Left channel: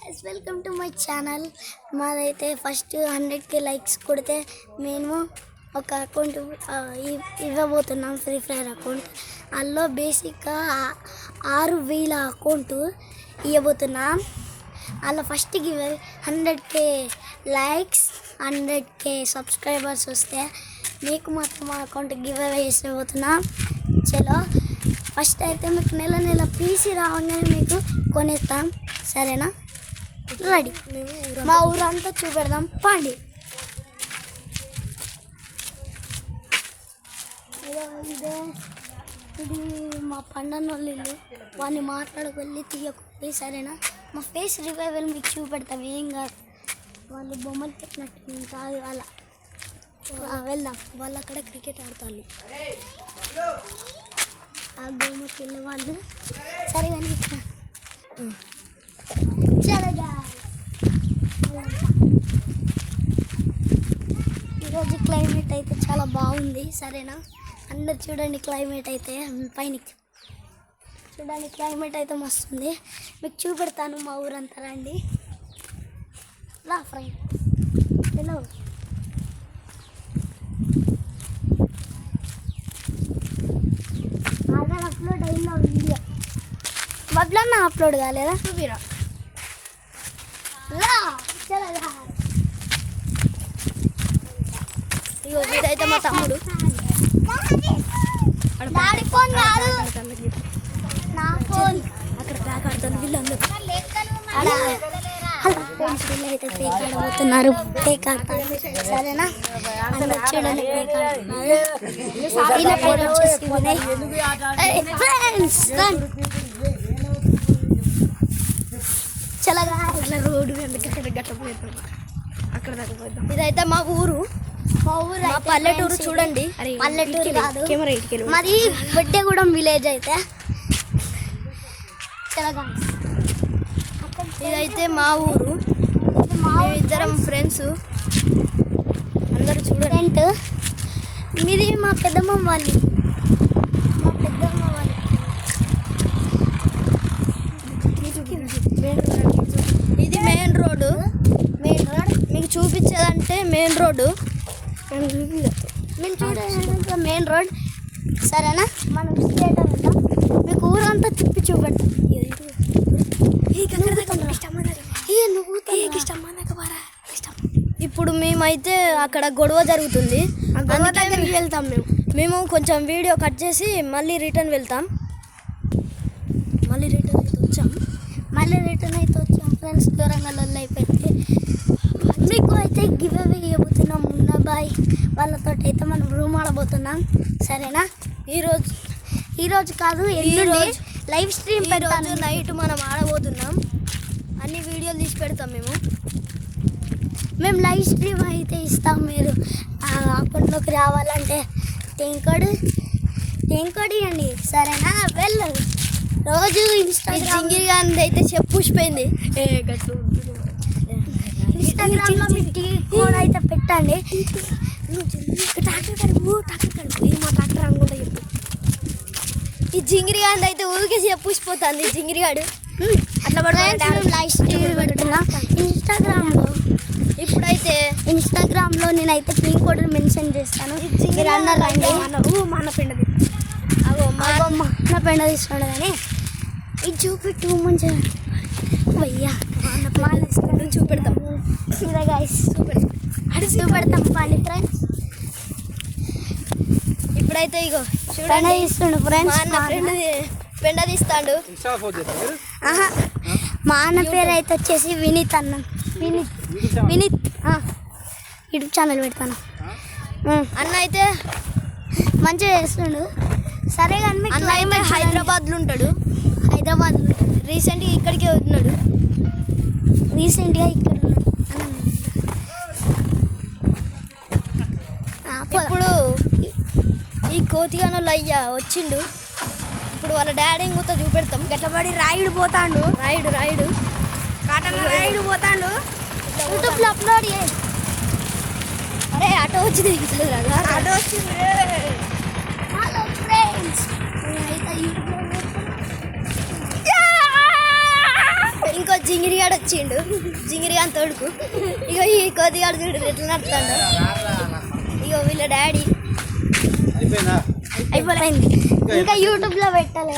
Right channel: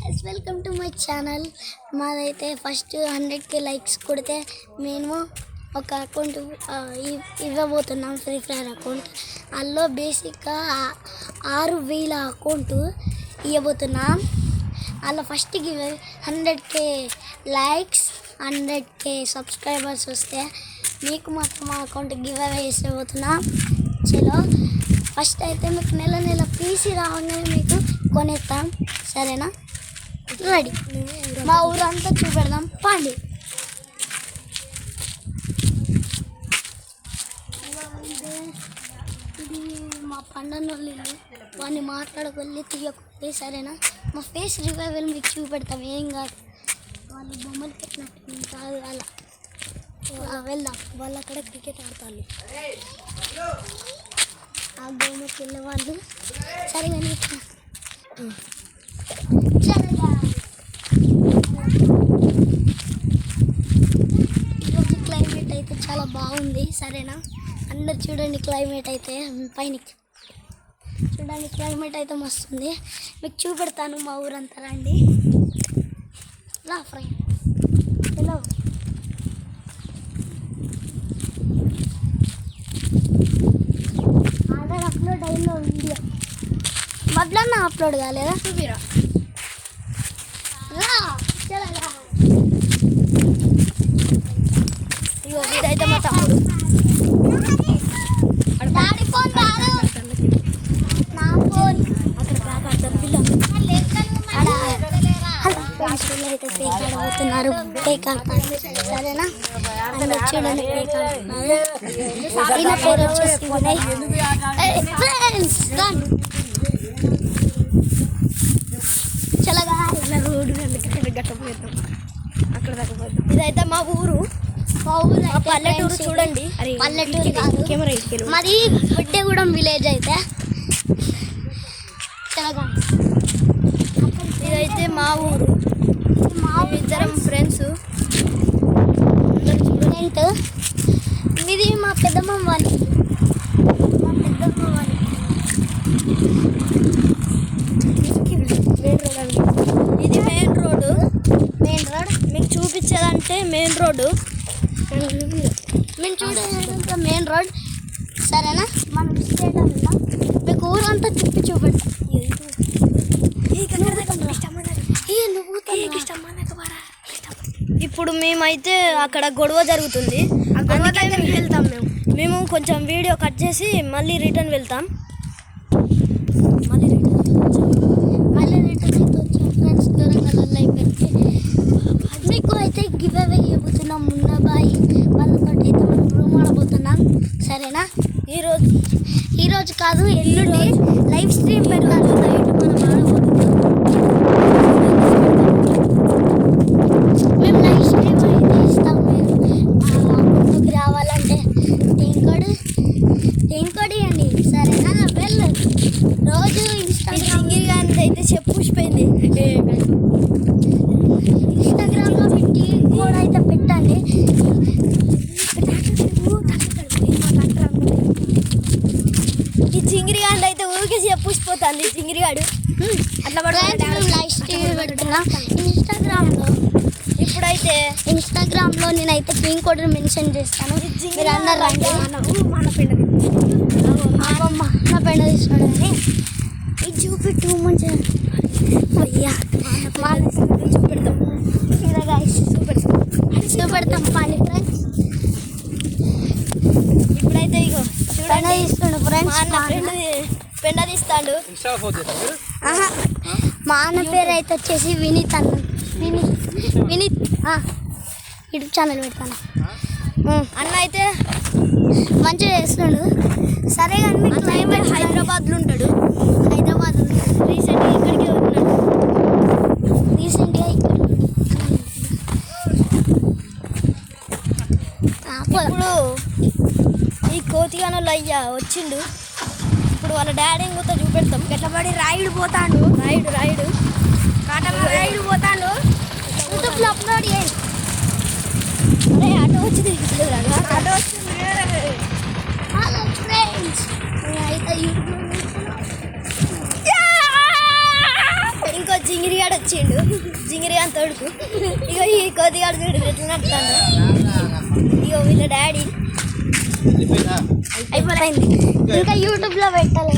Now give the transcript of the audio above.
Guys welcome to my channel. మాదైతే first 100K likes కొడితే మేము ఒక అకౌంట్ ఇవ్వబోతున్నాం, ఫ్రీ ఫైర్ అకౌంట్. అందులో బేసిక్గా 6000 అకౌంట్ ఇవ్వబోతున్నాం. అందులో first give 100K likes 100K subscribers వస్తే మీకు మాత్రం మా అకౌంట్ గివ్ అవే చేసిపోతున్నాం. చలో ఫస్ట్ అయితే మీకు నెల పీసీ రావగానే మీకు కొనేస్తాం, సరేనా? రెడీ. మా ఊరంతా చూపెడదాం పండి. ఇది మా పండనోళ్ళు ఇల్లు, వాడిని మాట్లాడకొల్లి తీయకొల్లి, సరేనా? మా ఫేస్ రివైవల్ మీకు చూపెడతాం, ఏం కాదు. వాళ్ళు బొమ్మలు పెట్టినట్టు కాదు, అలా వెళ్దాం. వాళ్ళు అక్కడ క్రికెట్ ఆడతారు, ఆ గేమ్కి వెళ్ళే వాళ్ళు. సరే కానీ ఈరోజు క్లైమేట్ అయితే చాలా బాగుంది, సరేనా? అందరు చూడండి, క్లైమేట్ అయితే పైన చూడండి, క్లైమేట్ అయితే మస్తుంది. మీకు చూపెడతాను మా ఊరంతా, రండి. రా ఫ్రెండ్, హలో. ఆల్రెడీ అప్లోడ్ అయిన వీడియో మొదలన్నా అప్లోడ్ కాలేదా? చూపిరా. ఇగో వీడైతే మా తమ్ముడు. డాడీ ఫోన్ కాదు, నా ఫోన్. అక్కడ బ్యాగ్ ఆడతాను వీళ్ళందరూ. అయితే కేక్ ఆడబోతున్నారు, కేక్ ఆడతారు, సరేనా? చూడండి, కేక్ ఆడుతున్నారు. ఈయన పేరు వచ్చేసి వినయ్. చల్లగా రోడ్డు అక్కడ గట్టపోతాం, అక్కడ దాకా పోతాం. ఇదైతే మా ఊరు, మా పల్లెటూరు. చూడండి, పల్లెటూరు కాదు, కెమెరా మరి బొడ్డెగూడెం విలేజ్ అయితే. చల్లగా ఇదైతే మా ఊరు, ఇద్దరం ఫ్రెండ్స్. అందరూ స్టూడెంట్. ఇది మా పెద్దమ్మ వాళ్ళు, మా పెద్దమ్మ వాళ్ళు. ఇది మెయిన్ రోడ్డు. మీకు చూపించేదంటే మెయిన్ రోడ్డు. మేము చూడేది మెయిన్ రోడ్, సరేనా? మనం స్ట్రేట్ వెళ్తాం, మీకు ఊరంతా తిప్పి చూపెడతాం. ఇప్పుడు మేమైతే అక్కడ గొడవ జరుగుతుంది, ఆ గొడవ దగ్గరికి వెళ్తాం. మేము కొంచెం వీడియో కట్ చేసి మళ్ళీ రిటర్న్ వెళ్తాం. మళ్ళీ రిటర్న్ అయితే వచ్చాం ఫ్రెండ్స్. దూరంగా అయిపోయింది. మీకు అయితే గివ్ అవే ఇవ్వబోతున్నాం. మున్నాబాయ్ వాళ్ళతో అయితే మనం రూమ్ ఆడబోతున్నాం, సరేనా? ఈరోజు కాదు, ఎల్లుండి లైవ్ స్ట్రీమ్ ఈరోజు నైట్ మనం ఆడబోతున్నాం. మేము లైవ్ స్ట్రీమ్ అయితే ఇస్తాం. మీరు అక్కడికి రావాలంటే టెంకోడి అండి, సరేనా? వెళ్ళు. రోజు ఇన్స్టాగ్రామ్ అయితే చెప్పూసిపోయింది. ఇన్స్టాగ్రామ్లో పెట్టి కూడా అయితే పెట్టండి. ఈ చింగిరిగాడు అయితే ఊరికే చెప్పూసిపోతుంది. చింగిరిగాడు అట్లా లైవ్ స్ట్రీమ్ పెడుతున్నా ఇన్స్టాగ్రామ్లో నేనైతే కింగ్ కోడ్ మెన్షన్ చేస్తాను. మీరు అందరు రండి. మా పెండ తీస్తున్నాడు కానీ ఇది చూపెట్టు మంచిగా అయ్యా చూపెడతాం. చూపెడతాం పాండి ఫ్రెండ్స్. ఇప్పుడైతే ఇగో పెండ తీస్తుండు ఫ్రెండ్స్. పెండ తీస్తాడు. మా అన్న పేరు అయితే వచ్చేసి వినీత్ అన్న. వినీత్ యూట్యూబ్ ఛానల్ పెడతాను. అన్న అయితే మంచిగా చేస్తున్నాడు, సరే. కానీ అన్న అయితే హైదరాబాద్లో ఉంటాడు. రీసెంట్గా ఇక్కడికే ఉన్నాడు. ఇక్కడ ఇప్పుడు ఈ కోతిగానోళ్ళు అయ్యా వచ్చిండు. ఇప్పుడు వాళ్ళ డాడీ ఇంకొక చూపెడతాం. గట్లపడి రాయుడు పోతాడు. రాయుడు పోతాడు. యూట్యూబ్లో అప్లోడ్ చేయి. అరే ఆటో వచ్చింది, ఆటో వచ్చింది. హలో ఫ్రెండ్స్, అయితే యూట్యూబ్లో ఇంకో జింగిరిగాడు వచ్చిండు, జింగిరిగాని తోడుకు. ఇగో ఈ కోతిగాడు చూడు ఎట్లా నడుతాడు. ఇగో వీళ్ళ డాడీ అయిపోయింది. ఇంకా యూట్యూబ్లో పెట్టాలి.